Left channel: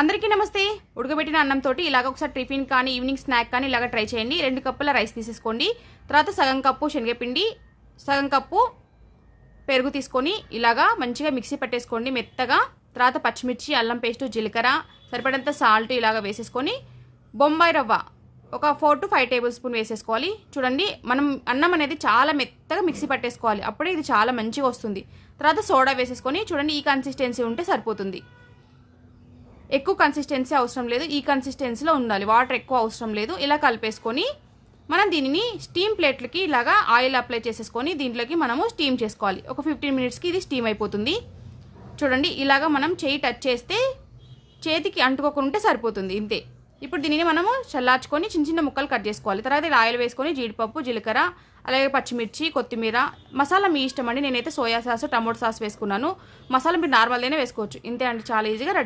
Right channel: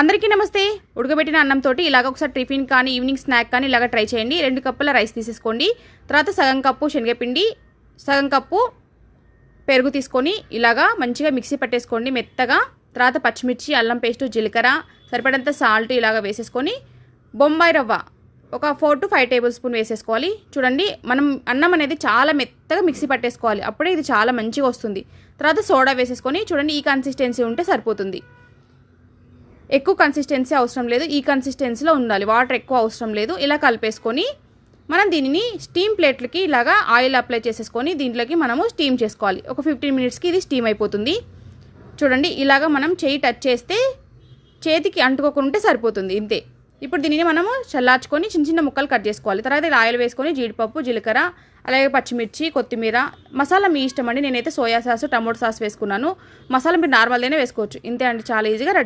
అందరికీ నమస్తే. ఉడకబెట్టిన అన్నంతో ఇలాగ ఒకసారి టిఫిన్ కానీ ఈవినింగ్ స్నాక్ కానీ ఇలాగ ట్రై చేయండి. 2 కప్పుల రైస్ తీసేసుకోండి. తర్వాత సగం కప్పు శనగపిండి, సగం కప్పు పెరుగు తీసుకొని ఇలాగా మంచిగా మిక్సీ పట్టేసుకోండి మెత్తగా. తర్వాత పచ్చిమిర్చి, అల్లం పేస్టు, జీలకర్ర, సరిపడంత సాల్ట్ ఇలాగ వేసేసుకొని బొంబాయి రవ్వ ఒక 4 to 5 టేబుల్ స్పూన్ వేసేసుకోవాలి. చూడండి, మనం అన్నం అనేది చాలా మెత్తగా మిక్సీ పట్టేసుకోవాలి, అప్పుడే ఇది చాలా మంచిగా వస్తుంది. తర్వాత సోడా వేసేసుకొని చూడండి, ఈ కన్సిస్టెన్సీ ఉంటే సరిపోతుంది. ఎక్కువ కన్సిస్టెన్సీ అవసరం లేదు, ఈ కన్సిస్టెన్సీలో ఉండాలి, వాటర్ ఎక్కువ అవసరం లేదు. ఇలా కలిపేసుకొని మనం దీనిని స్టీమ్ ప్లేట్లకి ఇలాగా ఆయిల్ అప్లై చేసేసుకొని దీంట్లోకి మనము స్టీమ్ చేసుకోవాలి. ఒక 15 మినిట్స్కి ఇది స్టీమ్ అయిపోతుంది. చూడండి, ఇలాగా మనం చేయి టచ్ చేస్తే చేతికి అంటుకోకుంటే సరిపోతుంది, ఇంతే. ఇప్పుడు దీనిని మనము చల్లార్చుకొని చిన్న చిన్న ముక్కలు కట్ చేసుకోవాలి. తర్వాత ఇలా ఆయిల్ వేసుకొని జీడిపప్పు, జీలకర్ర, అలాగే పచ్చిమిర్చి, కొత్తిమీర, మసాలా మీ ఇష్టం అండి. నేనైతే సోయా సాస్, టమోటో సాస్ వేసుకున్నాను. మసాలా మీరు నార్మల్గానే వేసుకోవచ్చు, ఇంతే అండి. చాలా ఈజీగా రెడీ.